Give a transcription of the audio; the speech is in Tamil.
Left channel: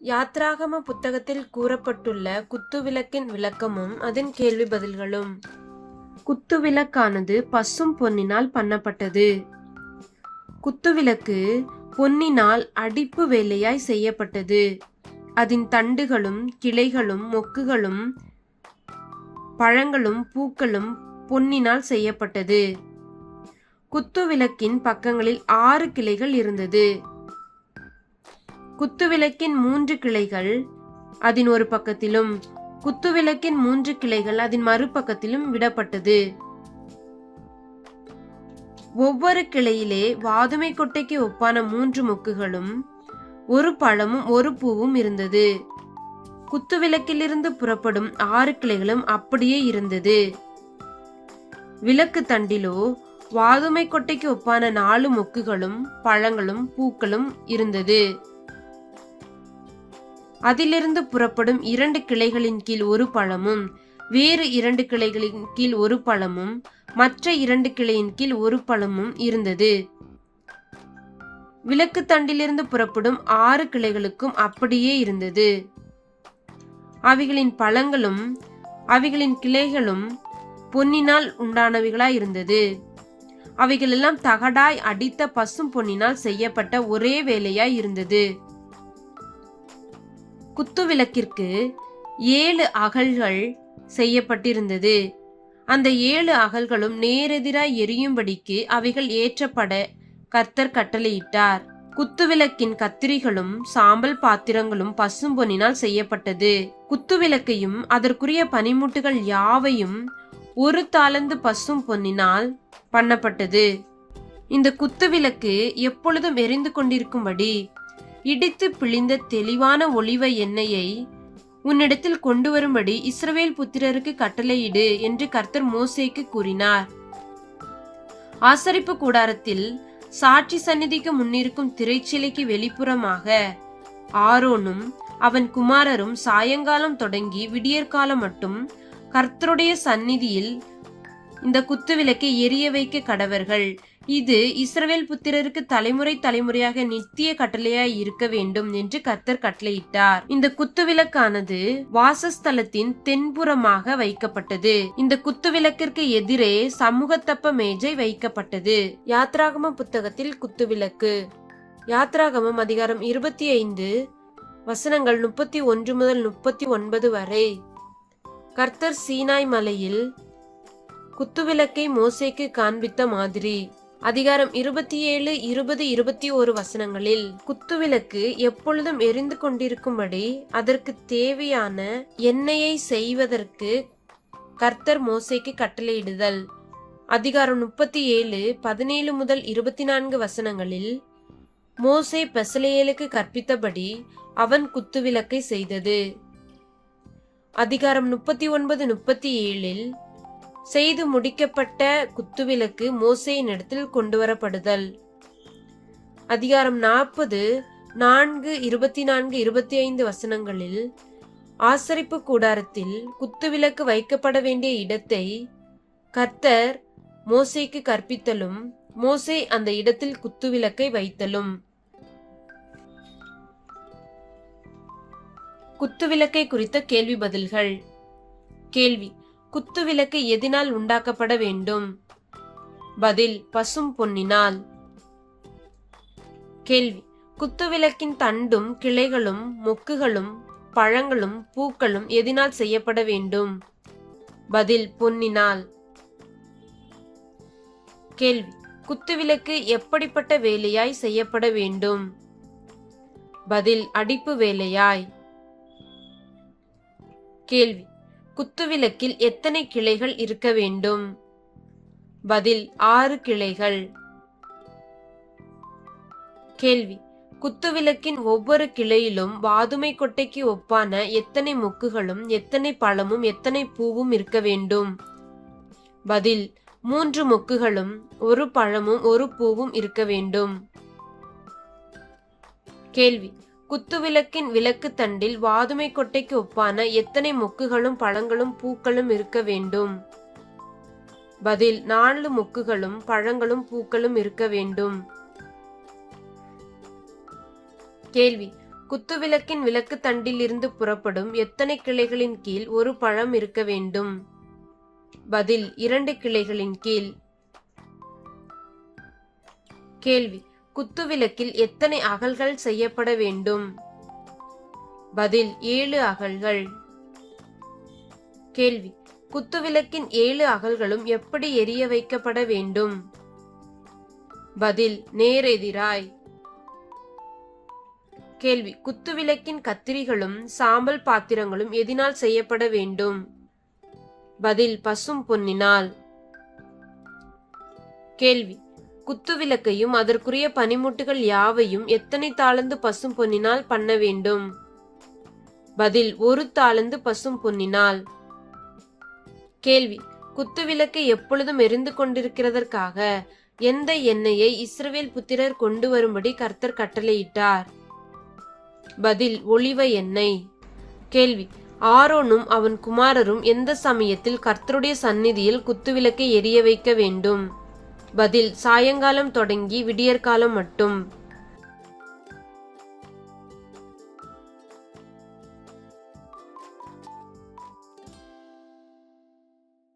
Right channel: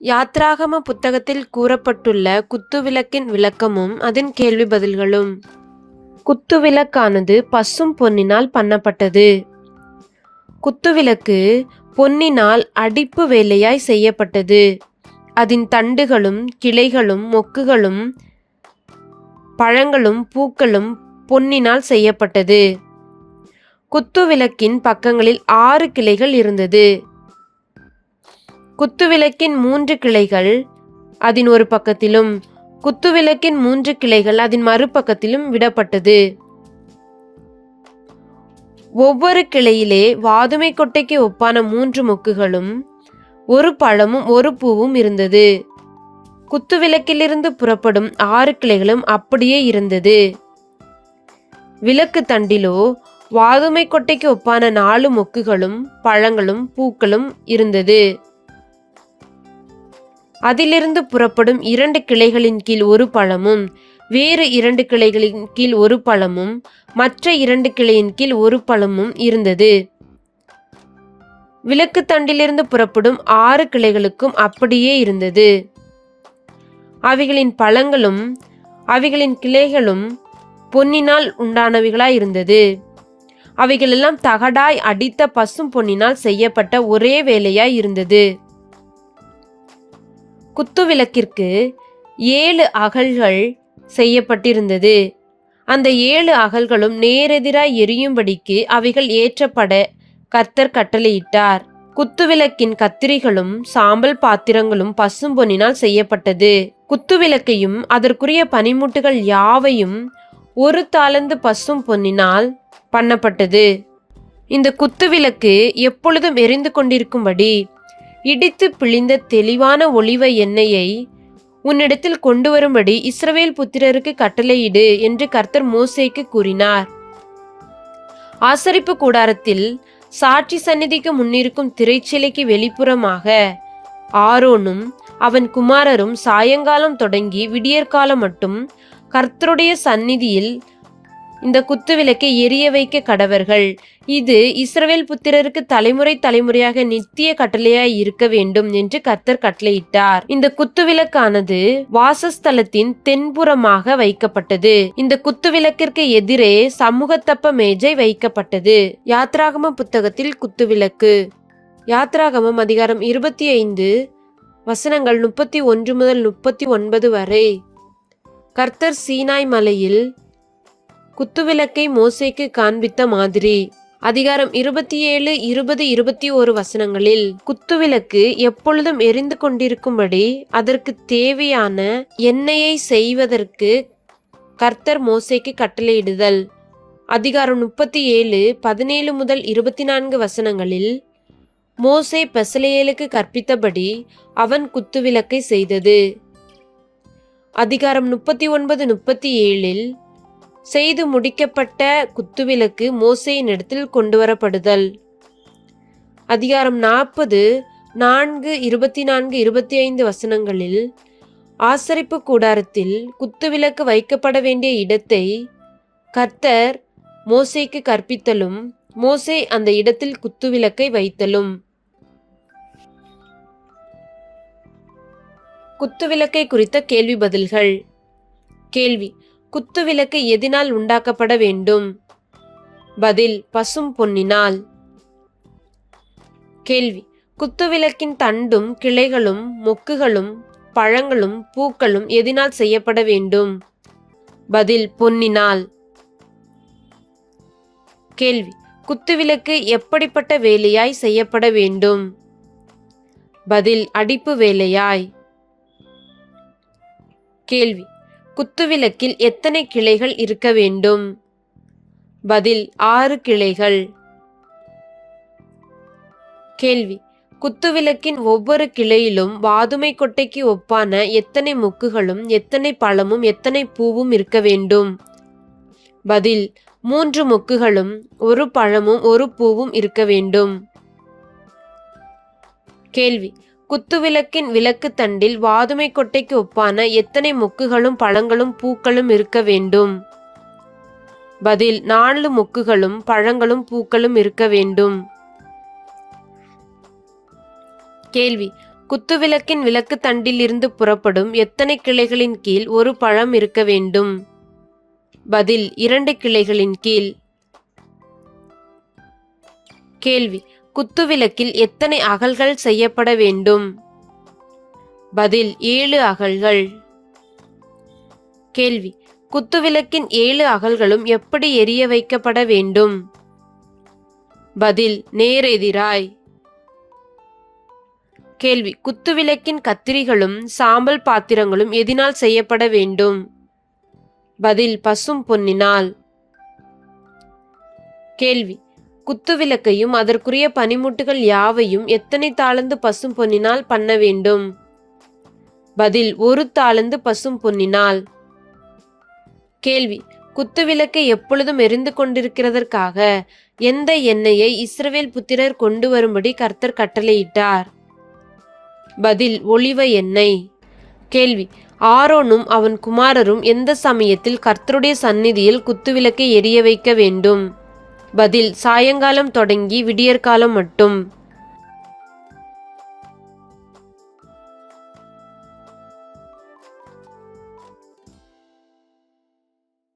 யாத்ராகம புத்தகத்தில் கூறப்பட்டுள்ள குத்துவிளக்கின் விளக்கமும் அதன் கேள்வி பதில்களும். குத்துவிளக்கானது பசும் பொன்னினால் பண்ணப்பட்டது. குத்துவிளக்கு பொன்னினால் அடிப்பு வேலையாய் செய்யப்பட்டது. அதன் தண்டுகளும் கிளைகளும் மொக்குகளும் பழங்களும் பூக்களும் பொன்னினால் செய்யப்பட்டது. குத்துவிளக்கின் பக்கங்களில் 6 கிளைகள் இருந்தது. குத்துவிளக்கின் 3 கிளைகள் அதன் ஒரு பக்கத்திலும் குத்துவிளக்கின் 3 கிளைகள் அதன் மறுபக்கத்திலும் விடப்பட்டது. ஒவ்வொரு கிளையிலே வாதுமை கொட்டைக்கு ஒப்பான 3 மொக்குகளும் 1 பழமும் 1 பூவும் இருந்தது. குத்துவிளக்கிலிருந்து புறப்படும் 6 கிளைகளும் அப்படியே இருந்தது. விளக்கு தண்டிலோ வாதுமை கொட்டைக்கு ஒப்பான 4 மொக்குகளும் பழங்களும் பூக்களும் இருந்தது. அதிலிருந்து புறப்படும் 2 கிளைகளின் கீழ் 1 பழமும் வேறு 2 கிளைகளின் கீழ் 1 பழமும் மற்ற 2 கிளையின் கீழ் 1 பழமும் இருந்தது. விளக்கு தண்டிலிருந்து புறப்படும் 6 கிளைகளுக்கும் அப்படியே இருந்தது. அவைகளின் பழங்களும் அவைகளின் கிளைகளும் பொன்னினால் உண்டானவைகளாய் இருந்தது. அவைகளெல்லாம் தகடாய் அடித்த பசும் பொன்னினால் செய்யப்பட்ட ஒரே வேலையாய் இருந்தது. குத்துவிளக்கிற்கு 7 அகல்கள் செய்யப்பட்டிருந்தது. அந்த 7 அகல்களும் நேரெதிராய் எரியும்படிக்கு அவைகள் ஏற்றப்பட கர்த்தர் கட்டளையிட்டார். குத்துவிளக்கின் கத்திரிகளும் சாம்பல் பாத்திரங்களும் பசும் பொன்னினால் செய்யப்பட்டது. குத்துவிளக்கையும் அதற்குரிய பனிமுட்டுகள் யாவையும் 1 தாலந்து பசும் பொன்னினால் பண்ணப்பட்டது. இந்த குத்துவிளக்கு எப்பொழுதும் எரிந்து கொண்டிருக்கும்படி இடித்து பிழிந்த தெளிவான ஒலிவ எண்ணெயை உன்னிடத்தில் கொண்டு வரும்படி இஸ்ரவேல் புத்திரருக்கு கட்டளையிடு என்று கர்த்தர் மோசேக்கு கூறினார். ஆசரிப்பு கூடாரத்தில் சாட்சி சந்நிதிக்கு முன்னிருக்கும் திரைச்சிலைக்கு வெளிப்புறமாக ஆரோனும் அவன் குமாரரும் சாயங்காலம் தொடங்கி விடியற்காலம் மட்டும் கர்த்தருடைய சந்நிதியில் இந்த குத்துவிளக்கை எரிய வைக்க கடவர்கள். இது இஸ்ரவேல் புத்திரருக்கு தலைமுறை தலைமுறையாக நித்திய கட்டளையாய் இருக்க வேண்டும் என்று கர்த்தர் கட்டளையிட்டார். இந்த குத்துவிளக்கானது வாசஸ்தலத்தின் தென்புறமாக வைக்கப்பட்டது. இந்த குத்துவிளக்கிற்கு எதிரே சமூகத்தப்ப மேஜை வைக்கப்பட்டது. யாத்ராகம புத்தகத்தில் குத்துவிளக்கு. யாத்ராகமம் அதிகாரம் 25 வசனங்கள் 31 முதல் 39 வரை. கர்த்தர் சீனாய் மலையில் குத்துவிளக்கை மோசேக்கு காண்பித்த மாதிரி. அதிகாரம் 27, 20, 21 வசனங்களில் குத்துவிளக்கு எப்பொழுதும் எரிந்து கொண்டிருக்கும்படி அதற்கு தேவையான எண்ணெயை செய்வதற்கு கர்த்தர் மோசேக்கு கட்டளையிடுதல். அதிகாரம் 37, 17 முதல் 24 வசனங்களில் மோசே பெசலெயேலுக்கு கற்பித்தபடி அவன் குத்துவிளக்கை செய்தது. அதிகாரம் 39, 37 செய்து முடிக்கப்பட்ட குத்துவிளக்கு மோசேயின் இடத்தில் கொண்டு வரப்படுதல். அதிகாரம் 40, 4, 24, 25 வசனங்களில் ஆசரிப்பு கூடாரத்தில் குத்துவிளக்கு வைக்கப்பட வேண்டிய இடத்தை கர்த்தர் மோசேக்கு கற்பித்தலும் மோசே அந்த இடத்தில் குத்துவிளக்கை வைத்தலும். குத்துவிளக்கை குறித்த கேள்வி பதில்கள். கேள்வி: குத்துவிளக்கு எதினால் உண்டாக்கப்பட வேண்டும்? பதில்: பசும் பொன்னினால். கேள்வி: குத்துவிளக்கின் தண்டும் கிளைகளும் மொக்குகளும் பழங்களும் பூக்களும் எதினால் செய்யப்பட வேண்டும்? பதில்: பொன்னினால். கேள்வி: குத்துவிளக்கு எப்படிப்பட்ட வேலையாய் செய்யப்பட வேண்டும்? பதில்: அடிப்பு வேலையாய். கேள்வி: குத்துவிளக்கில் எத்தனை கிளைகள் இருக்க வேண்டும்? பதில்: 6 கிளைகள். கேள்வி: குத்துவிளக்கின் ஒவ்வொரு கிளையிலும் வாதுமை கொட்டைக்கு ஒப்பான எத்தனை மொக்குகளும் எத்தனை பழமும் எத்தனை பூவும் இருக்க வேண்டும்? பதில்: 3 மொக்குகளும் 1 பழமும் 1 பூவும் இருக்க வேண்டும். கேள்வி: குத்துவிளக்கின் விளக்கு தண்டில் வாதுமை கொட்டைக்கு ஒப்பான எத்தனை மொக்குகளும் பழங்களும் பூக்களும் இருக்க வேண்டும்? பதில்: 4 மொக்குகளும் பழங்களும் பூக்களும் இருக்க வேண்டும். கேள்வி: குத்துவிளக்கின் விளக்கு தண்டிலிருந்து புறப்படும் எத்தனை கிளைகளின் கீழ் ஒரு பழம் இருக்க வேண்டும்? பதில் 2 கிளைகளின் கீழ். கேள்வி: குத்துவிளக்கில் எத்தனை அகல்கள் செய்யப்பட வேண்டும்? பதில் 7 அகல்கள். கேள்வி: குத்துவிளக்கின் 7 அகல்களும் எப்படி எரிய வைக்கப்பட வேண்டும்? பதில் நேரெதிராய். கேள்வி: குத்துவிளக்கின் கத்திரிகளும் சாம்பல் பாத்திரங்களும் எதினால் செய்யப்பட வேண்டும்? பதில் பசும் பொன்னினால். கேள்வி: குத்துவிளக்கையும் அதற்குரிய பனிமுட்டுகள் யாவையும் எத்தனை தாலந்து பசும் பொன்னினால் பண்ண வேண்டும்? பதில் 1 தாலந்து பசும் பொன்னினால். கேள்வி: குத்துவிளக்கை எப்பொழுதும் எரிந்து கொண்டிருக்கிறதற்காக எந்த எண்ணெயை இஸ்ரவேல் புத்திரர் கொண்டு வரும்படி கர்த்தர் கட்டளையிட்டார்? பதில் ஒலிவ எண்ணெய். கேள்வி: ஆரோனும் அவன் குமாரரும் எந்த சமயத்தில் கர்த்தருடைய சந்நிதியில் குத்துவிளக்கை எரிய வைக்க வேண்டும்? பதில் சாயங்காலம் தொடங்கி விடியற்காலம் மட்டும்.